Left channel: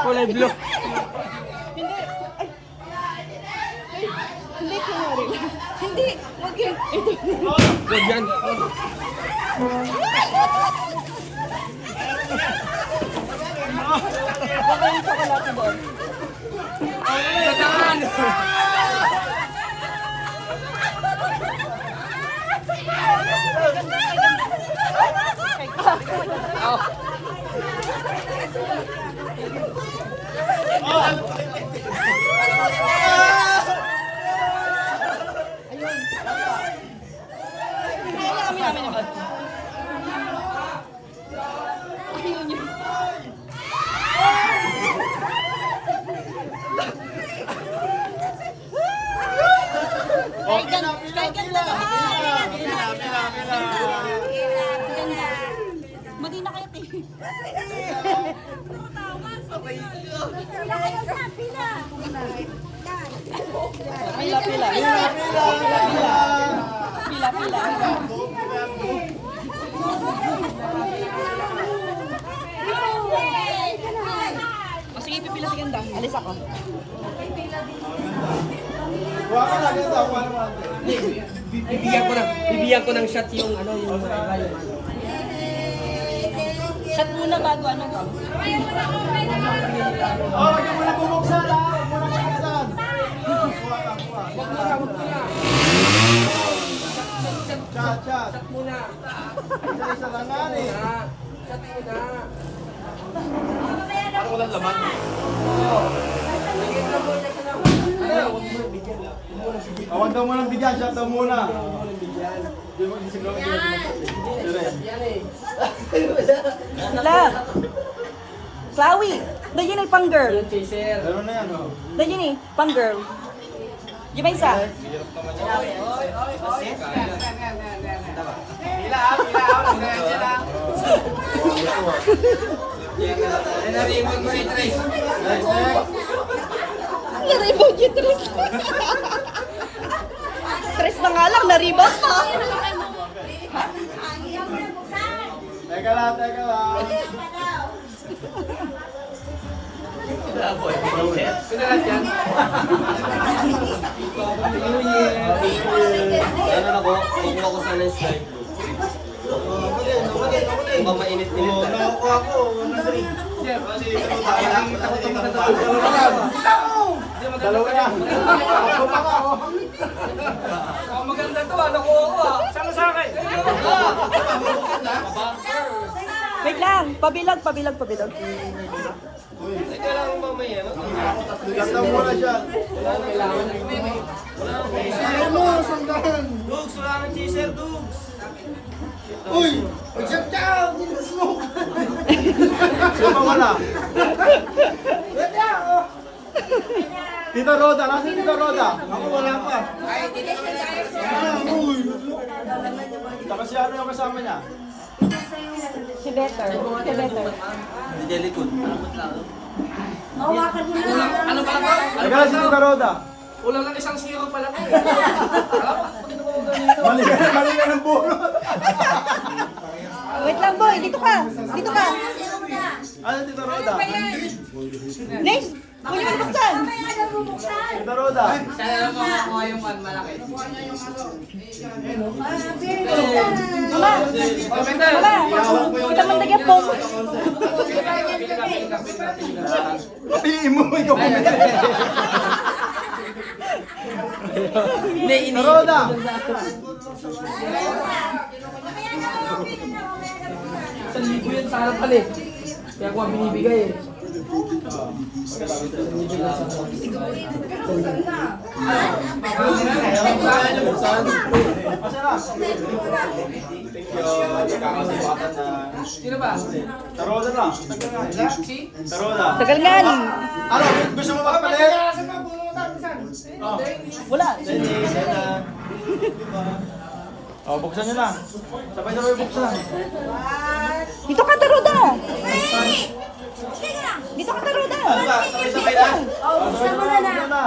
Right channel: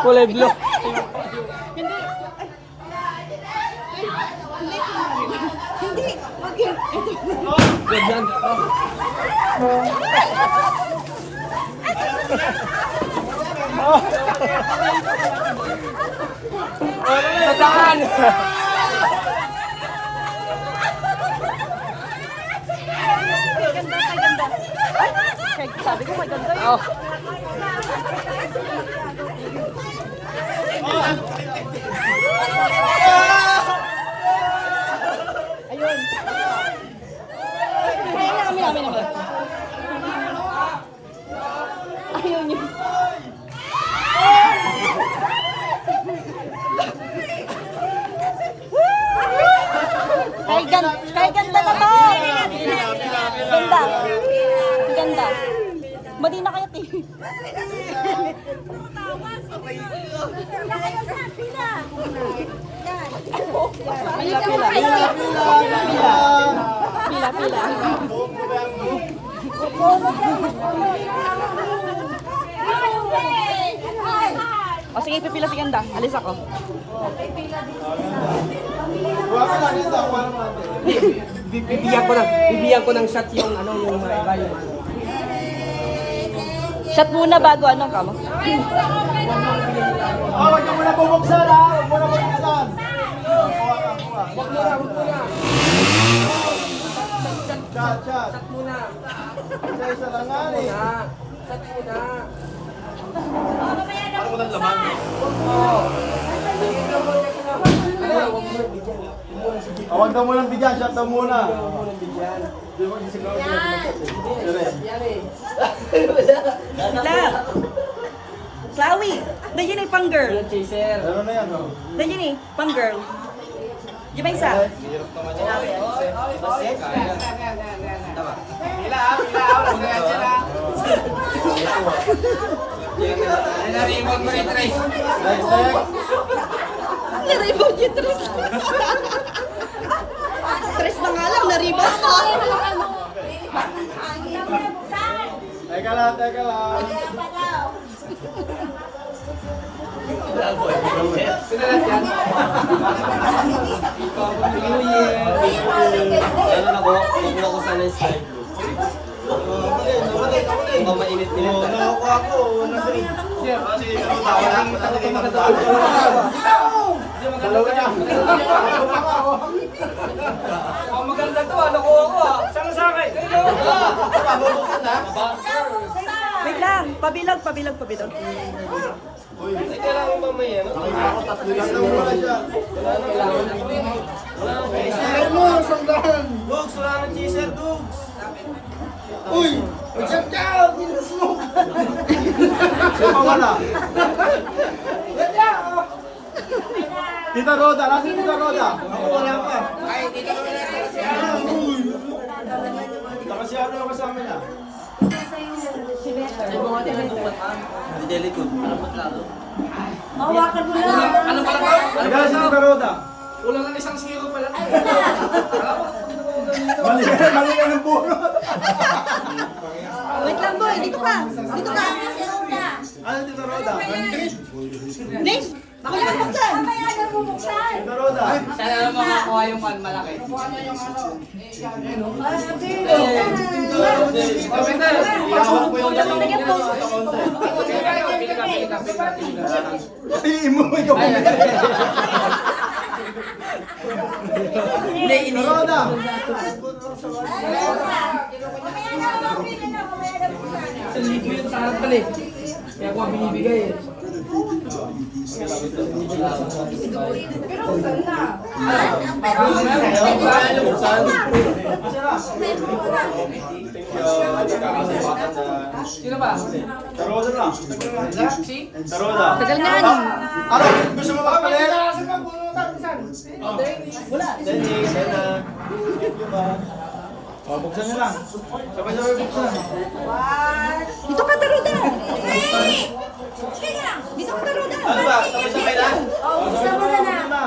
Kulay blue. Hindi. Okay. Good yan. Sa daan. Ayun. Kami naman. Ayun yun. Kahit ganda ba ba? Ganda. Ganda. Madi na kayo, Ti. Pila, pila. Pila, pila. O sige, pipila si Ganda. Alis ako. Bibigyan ko ng shot yung ano yung rayo. Shot muna bago ano ka mo? Oh, wag mo na bubuksan ha. Wag mo na bubuksan. Wag muna. Chat. Shot muna. Isa lang nga eh. Shot muna. Parang walang laman. Wag mo bigyan. Huwag daw mo nang bigyan. Shot daw muna. Sila. Chloe. Nandiyan eh, pang girl. Chaser. Meron na yan. Oh. Nandiyan eh, pang girl. Di ba isa? Next. Naribag yung tres. Tres na nga lang, naribag ka. Teka lang. Pinalat yan. Ano na ko? Kukuha ko sana yung slide rule. Mukhang mainit-init ka. Nakakuha ko. Nandri. Dalawa yan. Oh, maganda to. Nakuha ko ah. Sama sa akin. Wait lang, pabilag. Ay, kailangan ba may ano? Shot daw muna siya. Shot mo. Sandaan. Dugs, wala nang chaser, Dugs. Uy! Mag-shot ka! Smoke! Sino mawala? Tita Roda! Nasaan Tita Roda? Ako wala pa. Ay, Tita Roda. Uy! Tapos siya ano yung kasama niya? Si Better. Hindi, likod. Malapot lang. Mahawakan mo na. Ano pala ba? Ano Nagala si Tita Roda. Kulang lang isang zero pala. Mali ka ng bunot. Wait lang boy, dito ka. Ano Tita Roda? Ning, ako yung buksan. Tita Roda. Sana lang makakuha yung malaki. Kulang lang nagyan po. Piliin mo, ikaw pumili. Tita Roda. Sa libo yun sa harap pala eh. Kaya ako ang binibigay eh. Sino ba? Tita Roda na. Si? Tita Roda. Tagal nga ni. Ano? Gusto mo magpalit? Wala. Oh, buksan nyo lang. Sabay-sabay buksan. Dito ka, Taruda. Dito ka, Taruda. Ano ba? Sabay-sabay lang? Buksan mo na.